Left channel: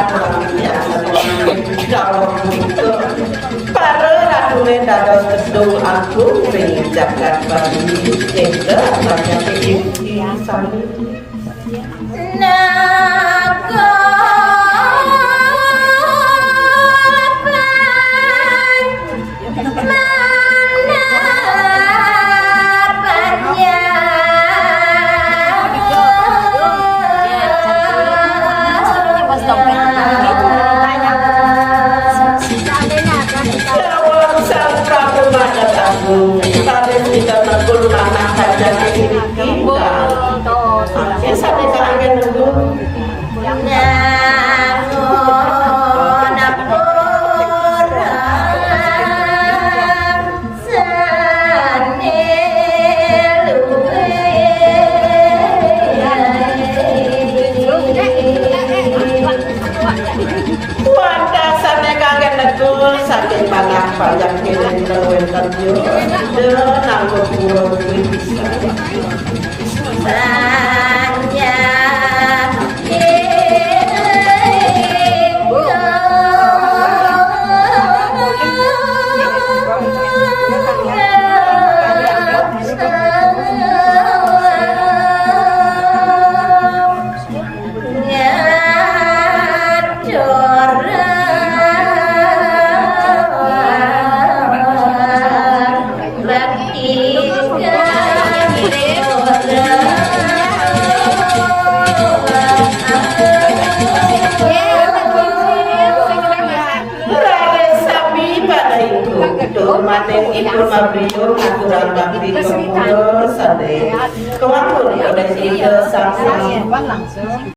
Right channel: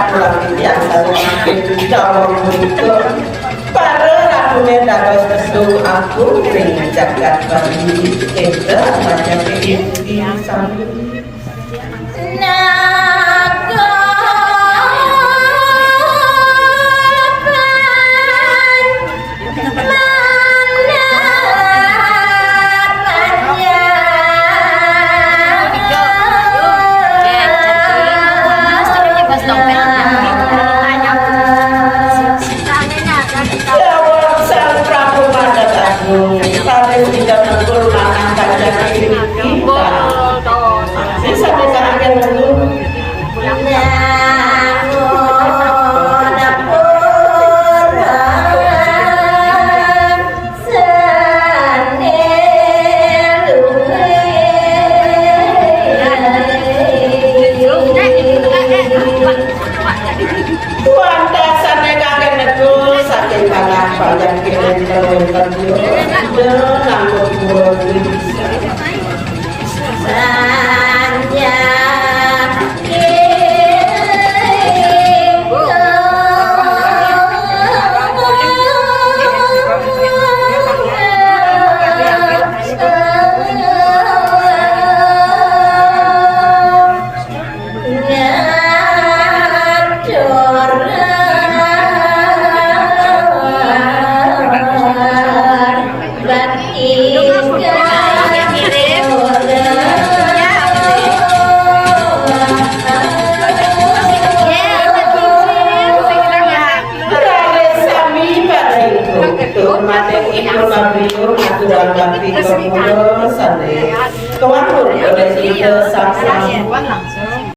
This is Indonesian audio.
aku lagi biasa dengan jawab itu para lagune dados kedung aku ing jagat bali tenda pada inti sami kalian tidak menggul anak saja kita saya sampai ke aja nunggu yang pengen terlontar dia dan berkurang bisa hanya mateng ipun mabriyo ngaturan bakti kepuluh sade kewapur oleh ide sang